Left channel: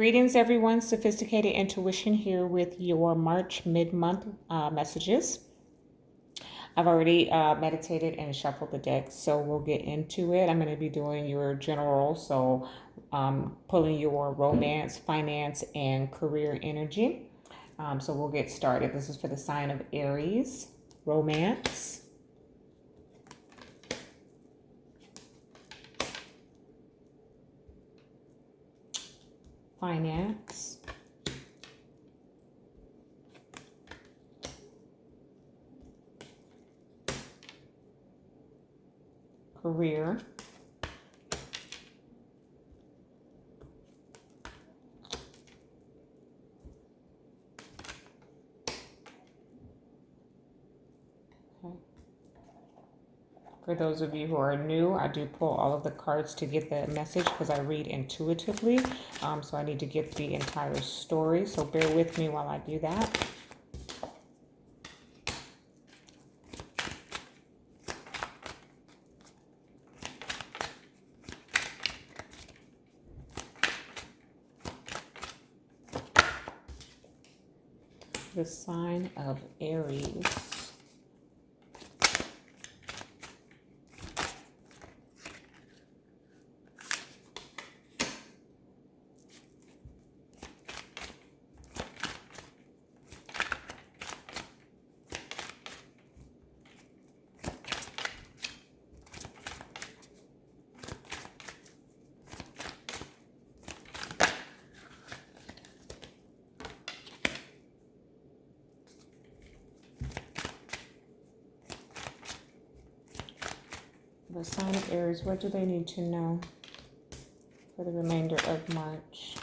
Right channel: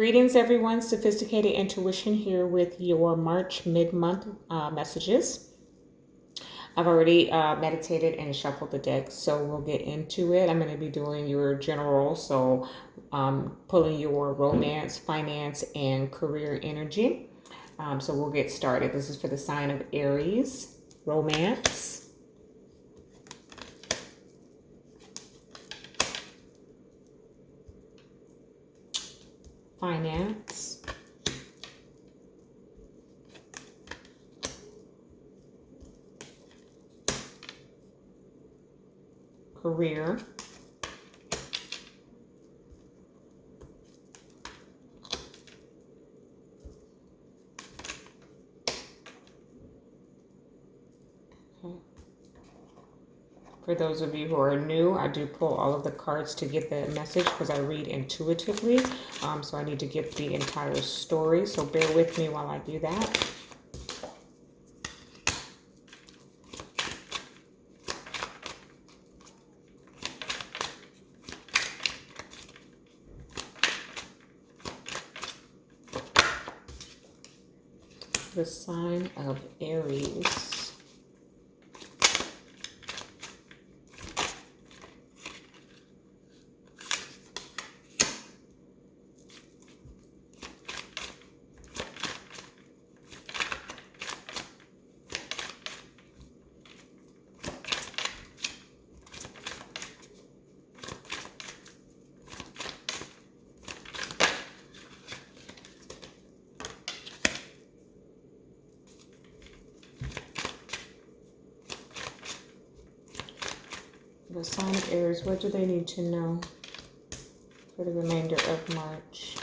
Greetings, everyone. Sophisticated Intuition here with your March mid-month messages. I've already meditated and shuffled the deck, so we'll get into it. I'm going to be doing your general, so pulling your romance, finance, and career energy. So we'll get started. This is for the sign of Aries, romance, finance, career, For those of you who are new, I do pull all of the cards to get the message because I read intuitively. So I need to get the entire story. So bear with me while I do that. The sign of Aries. The sign of Aries, what do they need to know for the remainder of March?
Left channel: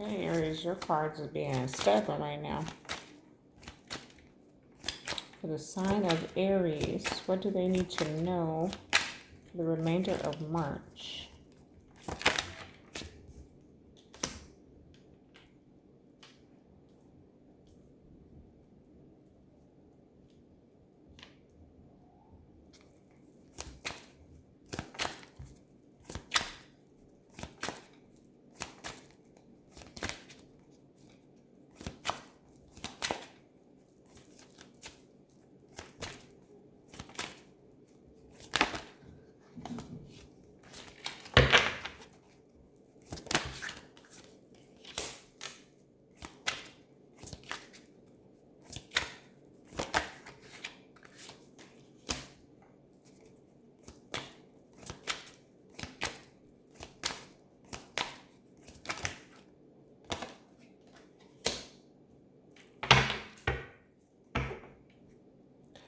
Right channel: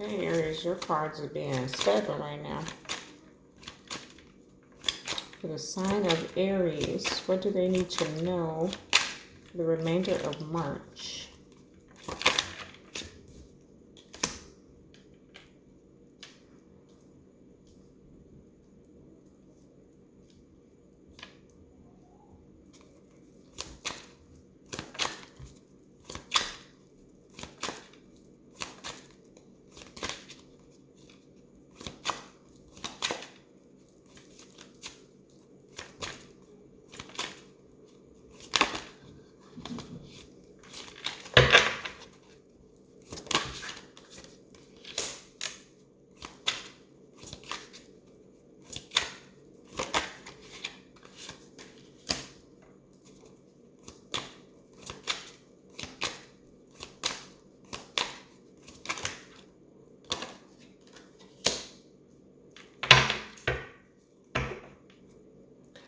Okay, Aries, your cards are being stubborn right now. For the sign of Aries, what do they need to know for the remainder of March?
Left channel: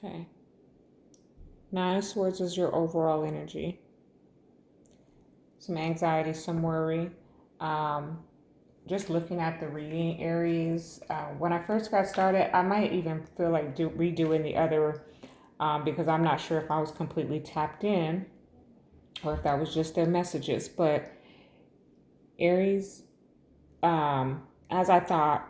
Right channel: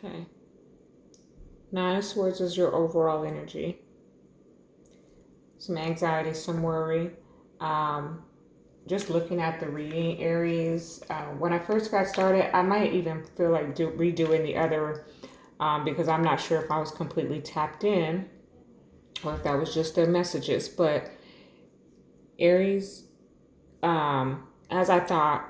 Okay. Nine of Swords is your overall energy. Some anxiety, some worry. Just looking at the reading, Aries, when I first got started, I might even feel like redoing the other because I'm not sure if I was completely tapped in or if that was just their messages. But Aries, as I thought,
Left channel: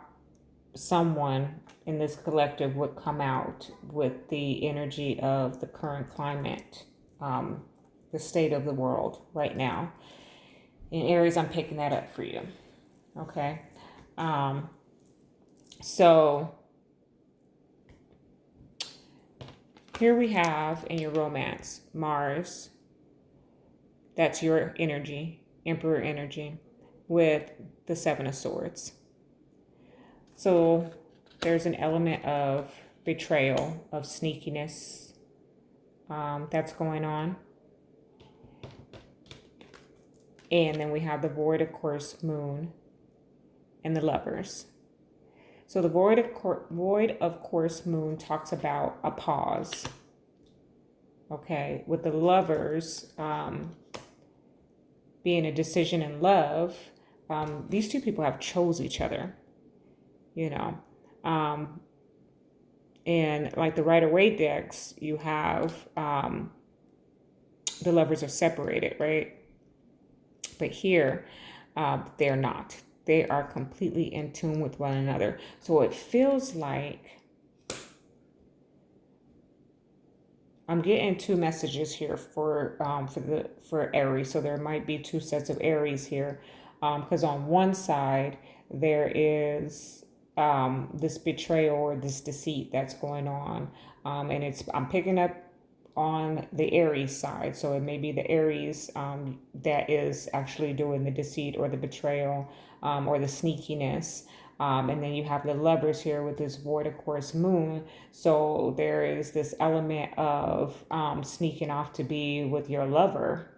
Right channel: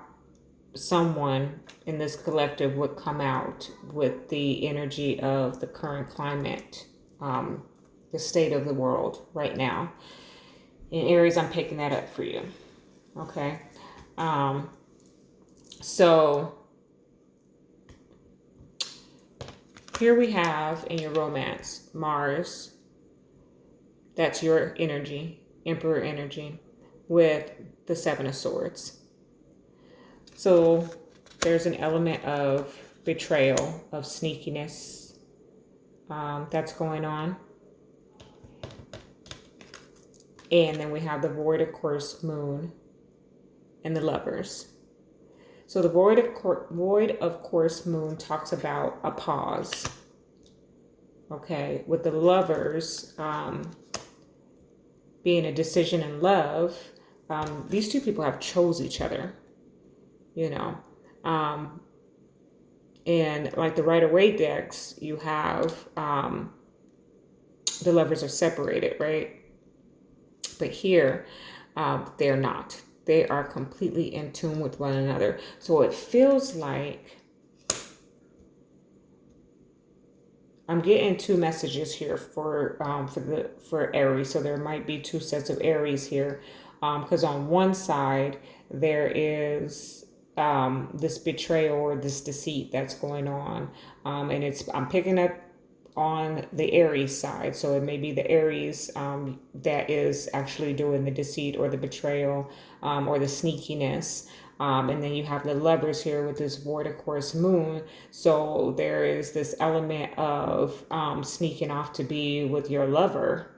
someone in this collective would come out with the energy of the current climate, the state of the world right now. In Aries, I'm picking that up for you. Okay. So here we have in your romance, Mars. That's your energy, Emperor energy, with the Seven of Swords. So there's an element of betrayal, of sneakiness that's going on. And then we have the Void, of course, Moon, and the Lovers. So the void of course moon talks about a pause. Okay, with the lovers being a decision in love, these two people have chose each other, you know. And like the Rider-Waite decks, you have the lovers are separated, right? But here, they're not. They are completely in tune with one another. So it feels like I'm getting two messages here for Aries. So there might be two sets of Aries here, because on one side there is this betrayal or this deceit that's going on, and I'm picking up on the Aries side. So it may be the Aries that is actually doing the deceit or the betrayal or the sneakiness. And then you have the lovers here with this void of course moon. So there is this element of sneaking off to be with your lover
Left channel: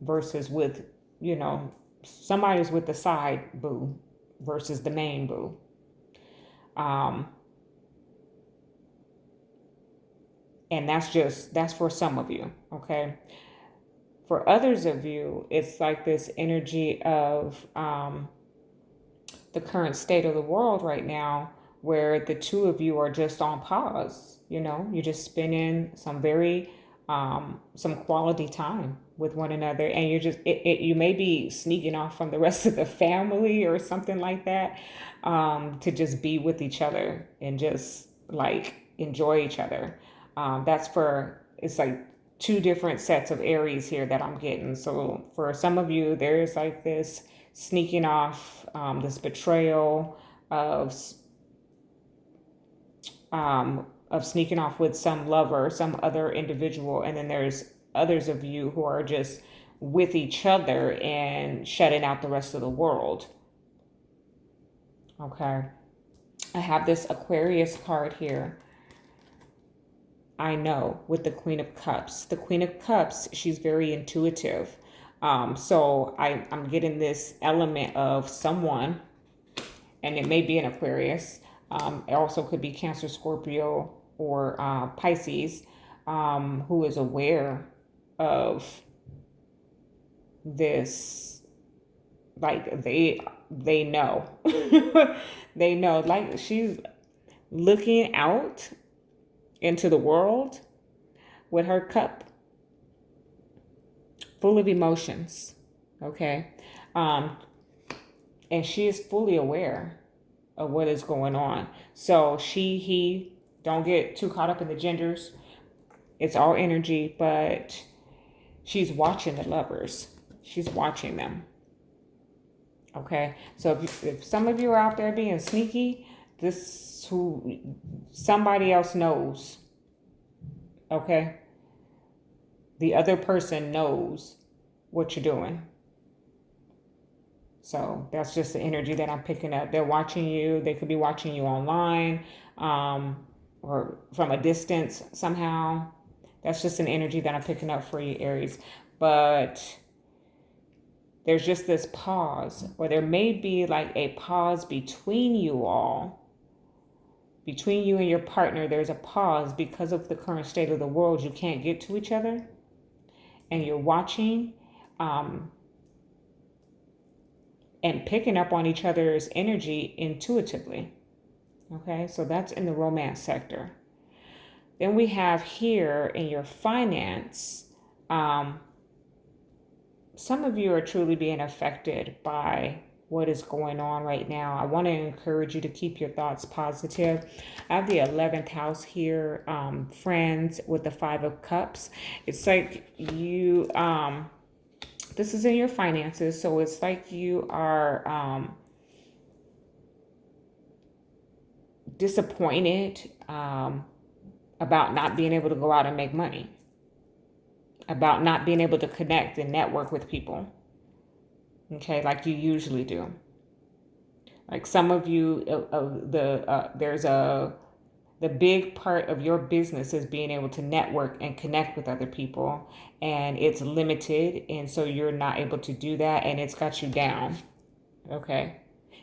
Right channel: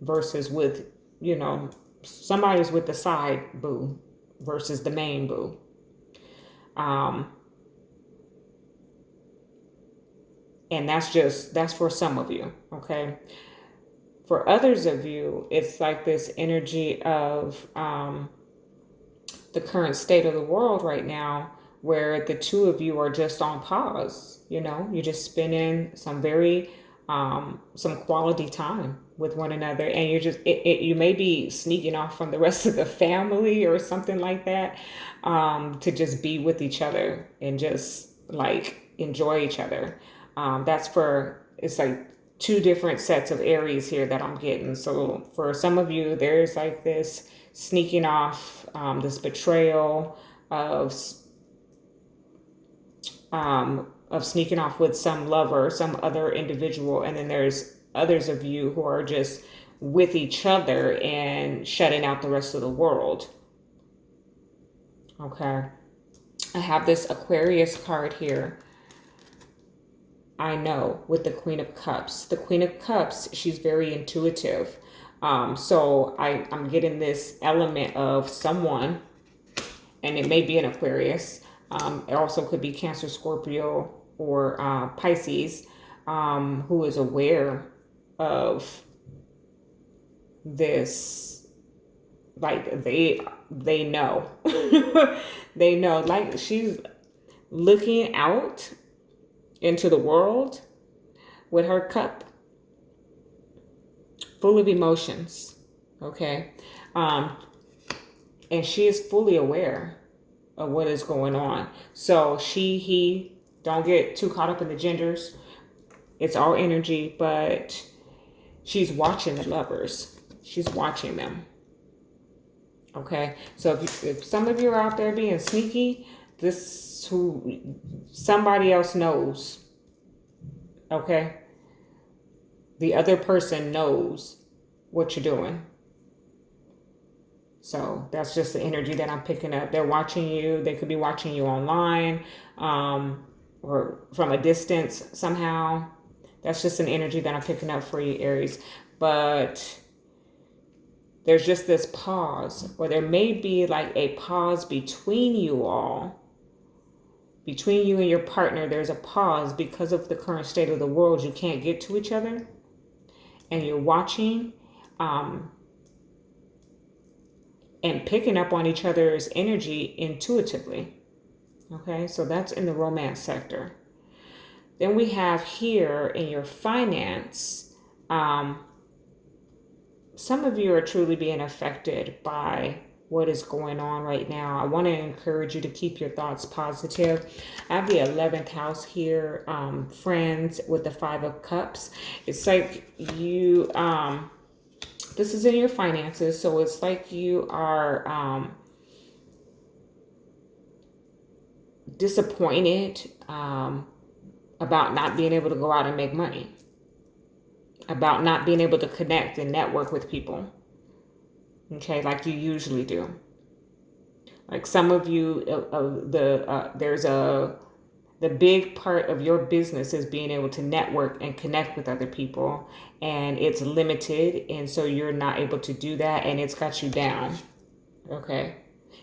versus with, somebody's with the side boo versus the main boo. And that's for some of you, okay? For others of you, it's like this energy of the current state of the world right now, where the two of you are just on pause. You're just spending some very some quality time with one another, and you're just you may be sneaking off from the rest of the family or something like that, to just be with each other and just like enjoy each other. It's like two different sets of Aries here that I'm getting. So for some of you, there's like this sneaking off, this betrayal of sneaking off with some lover, some other individual, and then there's others of you who are just with each other and shutting out the rest of the world. Okay, I have this Aquarius card here. I know, with the Queen of Cups. The Queen of Cups, she's very intuitive. So I'm getting this element of someone, and it may be an Aquarius. It also could be Cancer, Scorpio, or Pisces, who is aware of this. Like they know. They know. Like she's looking out into the world with her cup full of emotions, okay? And she is fully aware of what is going on. So he, don't get too caught up in the genders. It's all energy, but she's watching the lovers. She's watching them, okay? So if some of you are out there being sneaky, somebody else knows, okay? The other person knows what you're doing. So that's just the energy that I'm picking up. They're watching you. They could be watching you online, or from a distance somehow. That's just an energy that I'm picking up for you, Aries. But there's just this pause, or there may be like a pause between you all. Between you and your partner, there's a pause because of the current state of the world. You can't get to each other, and you're watching and picking up on each other's energy intuitively. Okay, so that's in the romance sector. Then we have here in your finance, some of you are truly being affected by what is going on right now. I want to encourage you to keep your thoughts positive. I have the 11th house here, friends, with the 5 of Cups. It's like you, this is in your finances, so it's like you are disappointed about not being able to go out and make money, about not being able to connect and network with people. Okay, like you usually do. Like some of you, the big part of your business is being able to network and connect with other people, and it's limited, and so you're not able to do that, and it's got you down. Okay,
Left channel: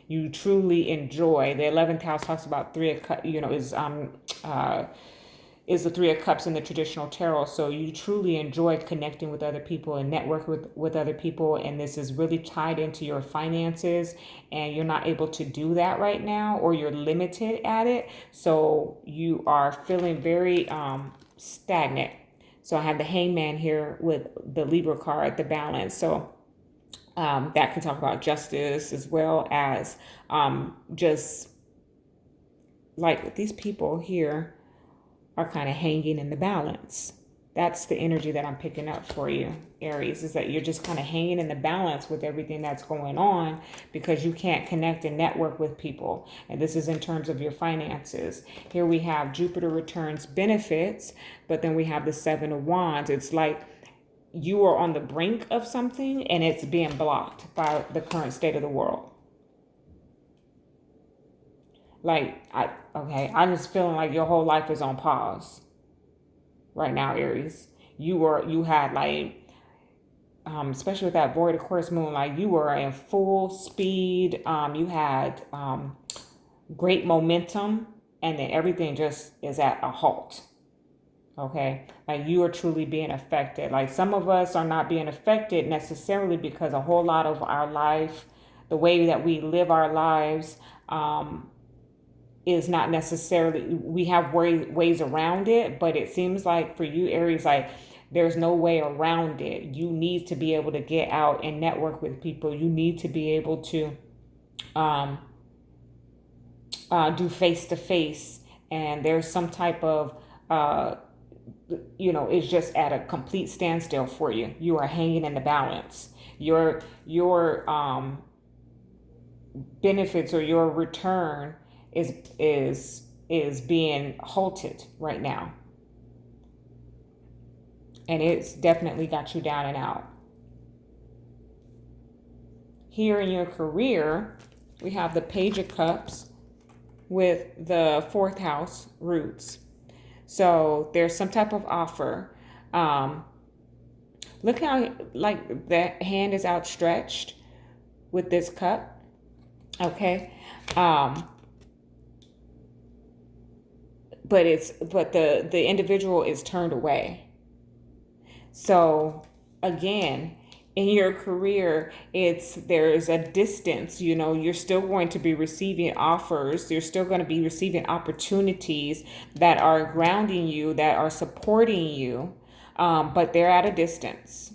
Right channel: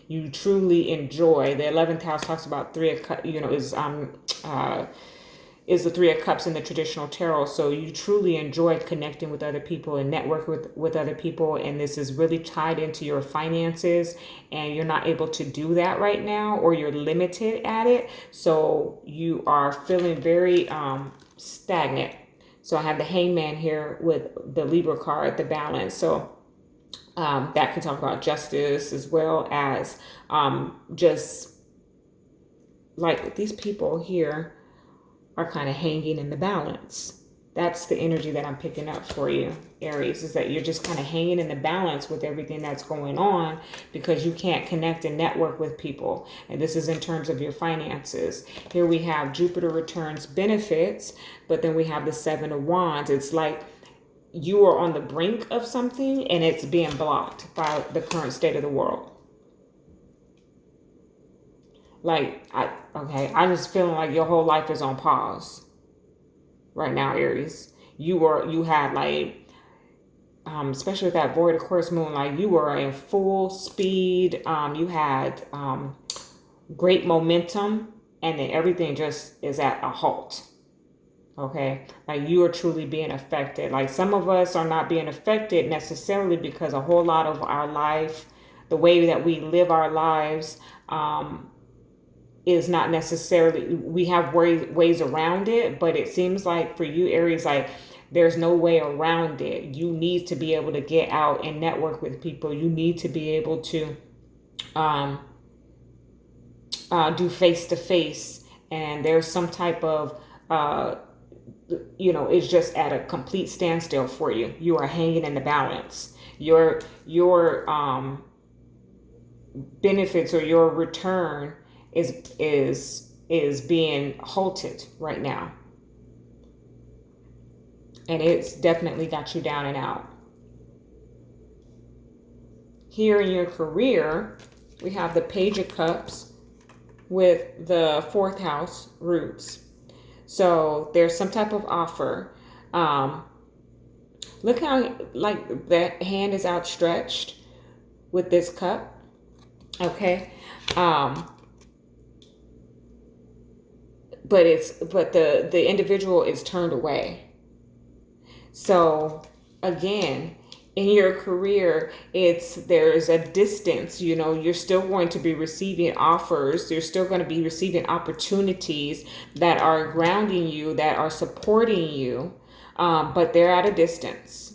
You truly enjoy. The 11th house talks about three of cups, is the Three of Cups in the traditional tarot. So you truly enjoy connecting with other people and network with other people. And this is really tied into your finances, and you're not able to do that right now, or you're limited at it. So you are feeling very stagnant. So I have the Hangman here with the Libra card, the balance. So that can talk about justice, as well as just like these people here are kind of hanging in the balance. That's the energy that I'm picking up for you, Aries, is that you're just kind of hanging in the balance with everything that's going on, because you can't connect and network with people. And this is in terms of your finances. Here we have Jupiter returns benefits, but then we have the Seven of Wands. It's like you are on the brink of something and it's being blocked by the current state of the world. Like, I'm just feeling like your whole life is on pause right now, Aries. You had like, especially with that void Aquarius moon, like you were in full speed. You had great momentum, and then everything just is at a halt. Okay, like you are truly being affected. Like some of us are not being affected necessarily because a whole lot of our life, the way that we live our lives, is not necessarily, we have ways around it, but it seems like for you, Aries, like there's no way around it. You need to be able to get out and network with people. You need to be able to do face to face, and there's some type of it's just at a complete standstill for you. You are hanging in the balance. Your benefits or your return is being halted right now, and it's definitely got you down and out. Here in your career, we have the Page of Cups with the 4th house roots. So there's some type of offer. Look how like the hand is outstretched with this cup. Okay. But the individual is turned away. So again, in your career, there's a distance. You're still going to be receiving offers. You're still going to be receiving opportunities that are grounding you, that are supporting you, but they're at a distance.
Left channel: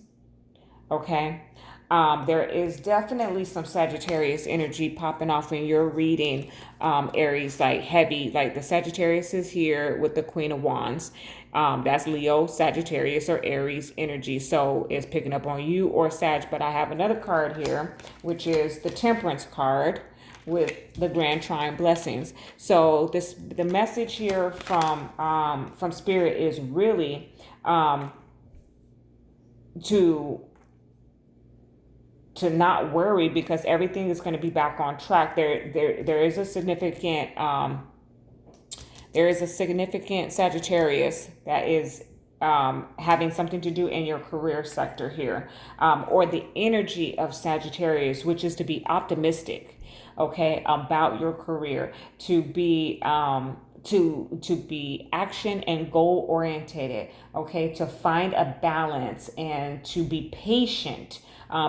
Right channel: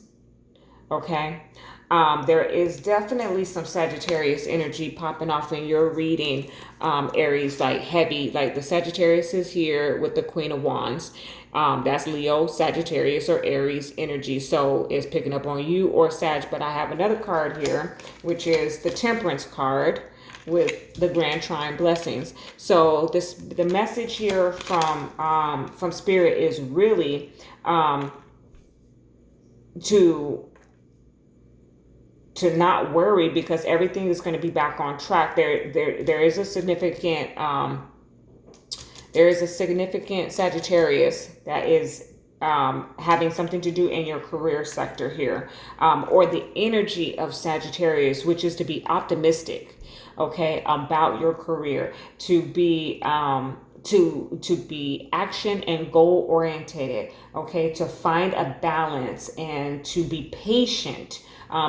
Okay. There is definitely some Sagittarius energy popping off in your reading, Aries, like heavy, like the Sagittarius is here with the Queen of Wands. That's Leo, Sagittarius, or Aries energy. So it's picking up on you or Sag. But I have another card here, which is the Temperance card with the Grand Trine blessings. So the message here from Spirit is really to not worry, because everything is going to be back on track. There is a significant Sagittarius that is having something to do in your career sector here, or the energy of Sagittarius, which is to be optimistic, okay, about your career, to be to be action and goal oriented, okay, to find a balance and to be patient.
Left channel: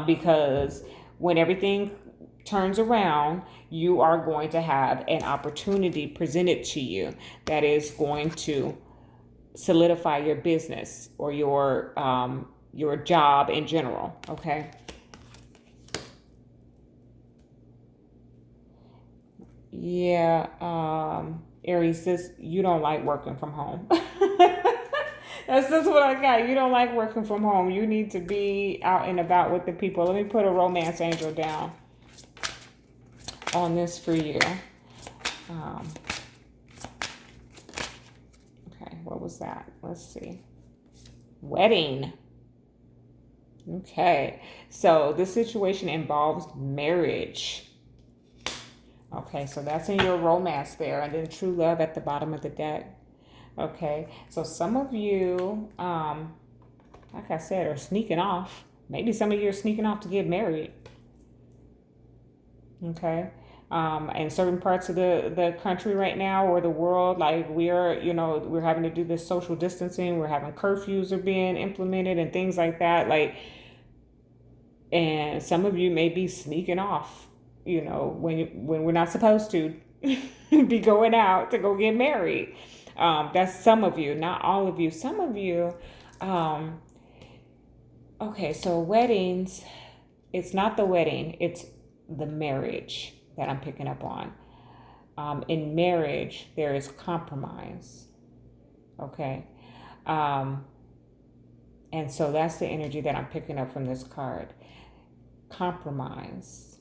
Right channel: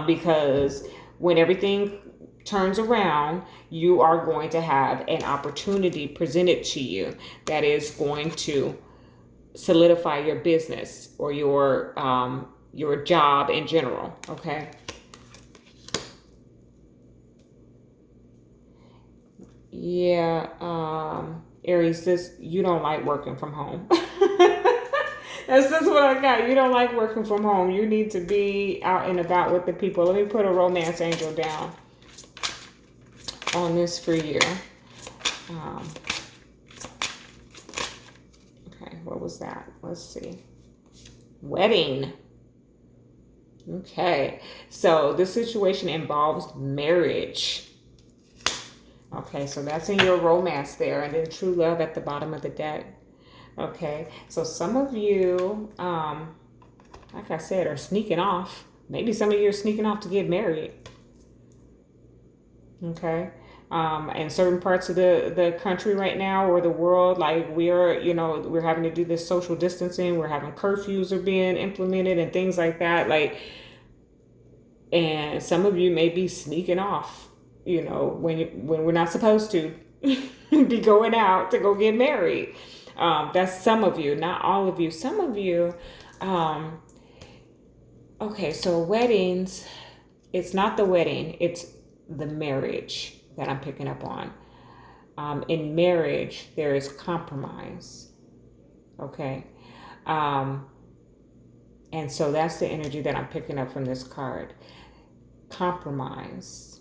Because when everything turns around, you are going to have an opportunity presented to you that is going to solidify your business or your job in general. Okay. Yeah, Aries, you don't like working from home. That's just what I got. You don't like working from home. You need to be out and about with the people. Let me put a romance angel down on this for you. Okay, what was that? Let's see. Wedding. Okay, so this situation involves marriage. Okay, so that's in your romance there. And then true love at the bottom of the deck. Okay, so some of you, like I said, are sneaking off. Maybe some of you are sneaking off to get married. Okay, in certain parts of the country right now or the world, like we're having to do this social distancing. We're having curfews are being implemented and things like that. Like, and some of you may be sneaking off, when we're not supposed to be going out to go get married. That's some of you, not all of you. Some of you. Okay, so weddings, it's not the wedding, it's the marriage that I'm picking up on. In marriage, there is compromise. Okay. Um, and so that's the energy that I'm picking up from this card. Compromise.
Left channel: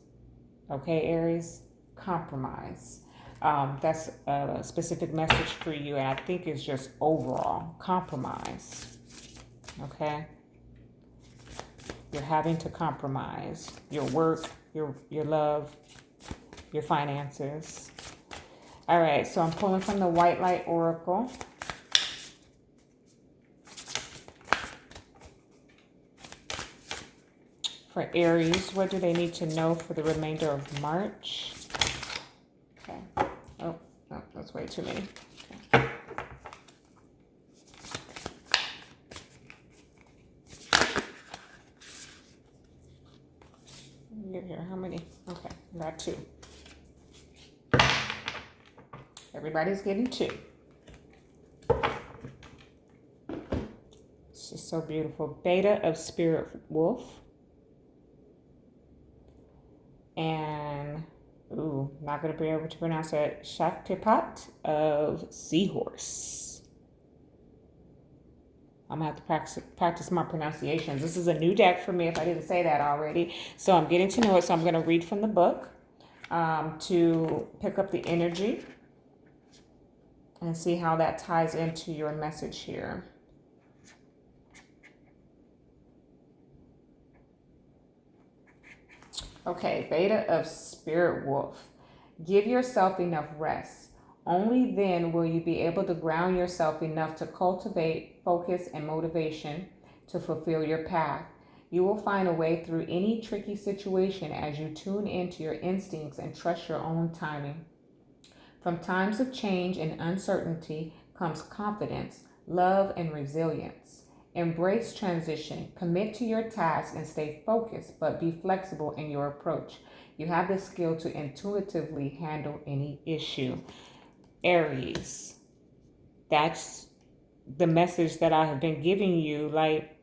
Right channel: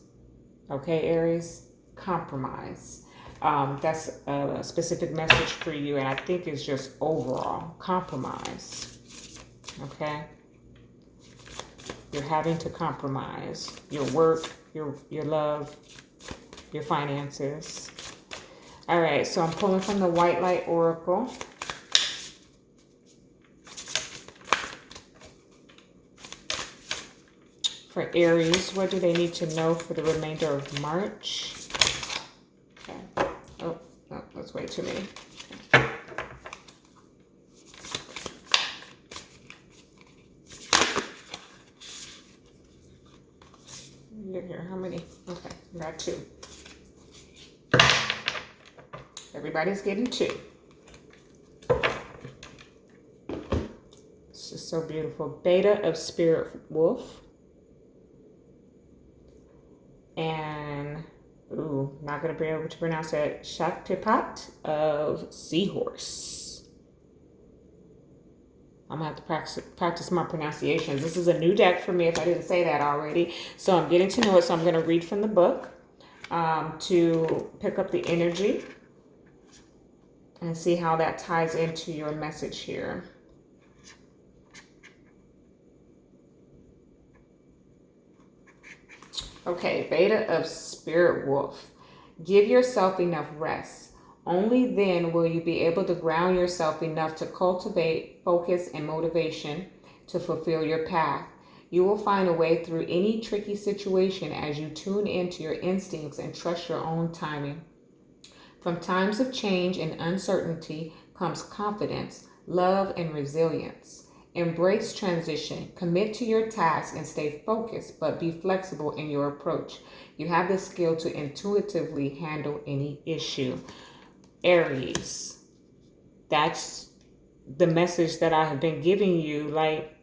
Okay, Aries? Compromise. That's a specific message for you, and I think it's just overall compromise. Okay? You're having to compromise your work, your love, your finances. All right, so I'm pulling from the White Light Oracle. For Aries, what do they need to know for the remainder of March? Okay. Oh, that's way too many. Get here. How many? Okay, I got 2. Everybody's getting 2. It's just so beautiful. Beta of Spirit Wolf. And, not going to be able to pronounce that. Shaktipat of Seahorse. I'm going to have to practice my pronunciations. This is a new deck for me if I didn't say that already. So I'm getting to know it. So I'm going to read from the book to pick up the energy and see how that ties into your message here. Okay, Beta of Spirit Wolf. Give yourself enough rest. Only then will you be able to ground yourself enough to cultivate focus and motivation to fulfill your path. You will find a way through any tricky situation as you tune into your instincts and trust your own timing. From times of change and uncertainty comes confidence, love, and resilience. Embrace transition, commit to your task, and stay focused, but be flexible in your approach. You have the skill to intuitively handle any issue. Aries, that's the message that I have been giving you. Like,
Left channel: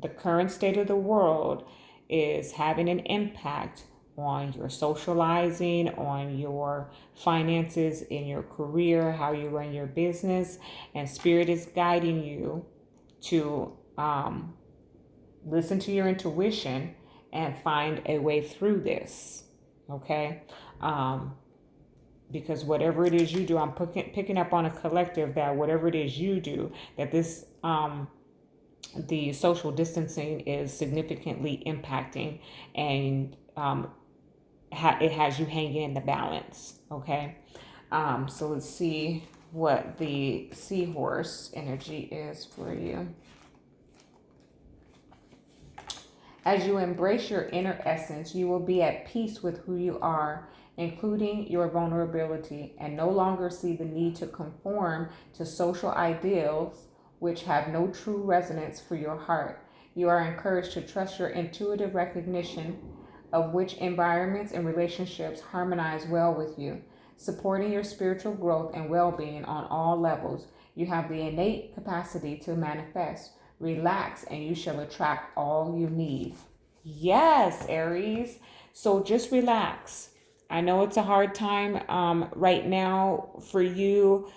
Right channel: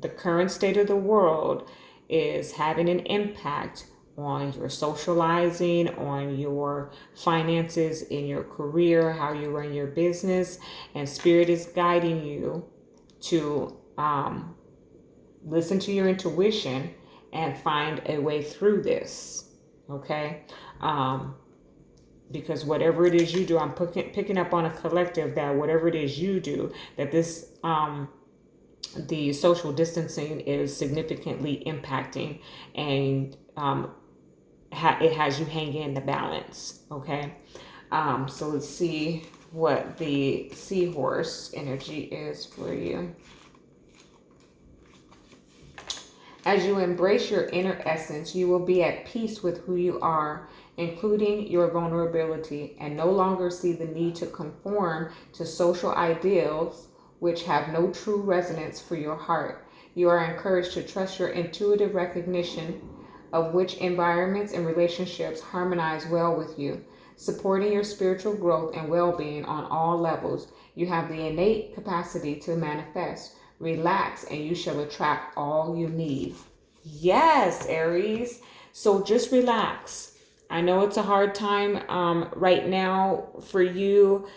the current state of the world is having an impact on your socializing, on your finances, in your career, how you run your business, and Spirit is guiding you to listen to your intuition and find a way through this. Okay? Because whatever it is you do, I'm picking up on a collective that whatever it is you do, that this the social distancing is significantly impacting, and it has you hanging in the balance. Okay, so let's see what the seahorse energy is for you. As you embrace your inner essence, you will be at peace with who you are, including your vulnerability, and no longer see the need to conform to social ideals which have no true resonance for your heart. You are encouraged to trust your intuitive recognition of which environments and relationships harmonize well with you, supporting your spiritual growth and well-being on all levels. You have the innate capacity to manifest. Relax and you shall attract all you need. Yes, Aries. So just relax. I know it's a hard time right now for you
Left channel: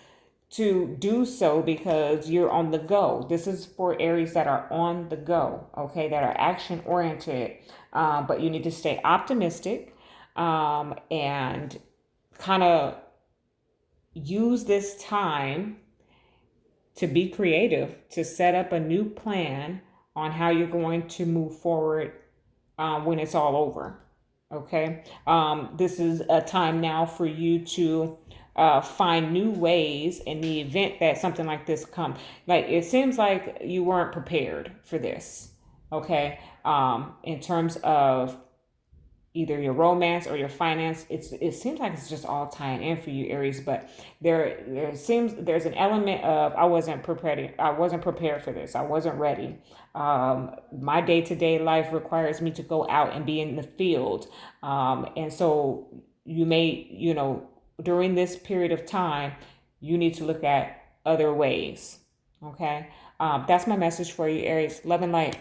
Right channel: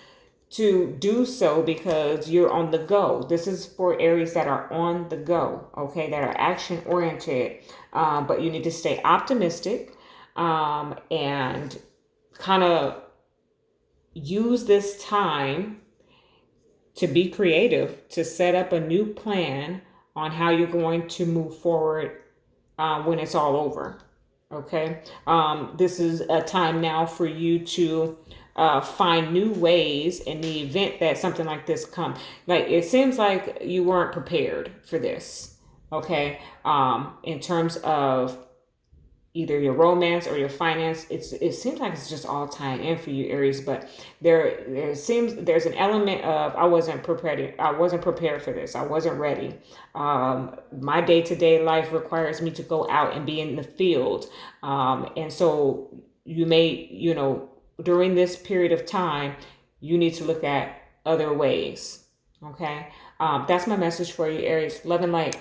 to do so because you're on the go. This is for Aries that are on the go, okay, that are action oriented. But you need to stay optimistic and kind of use this time to be creative, to set up a new plan on how you're going to move forward when it's all over. Okay. This is a time now for you to find new ways in the event that something like this comes. Like, it seems like you weren't prepared for this. Okay. In terms of either your romance or your finance. It seems like it's just all tying in for you, Aries, but there's an element of I wasn't prepared for this. I wasn't ready. My day-to-day life requires me to go out and be in the field. And so you may, during this period of time, you need to look at other ways. Okay. That's my message for you, Aries. Love and light.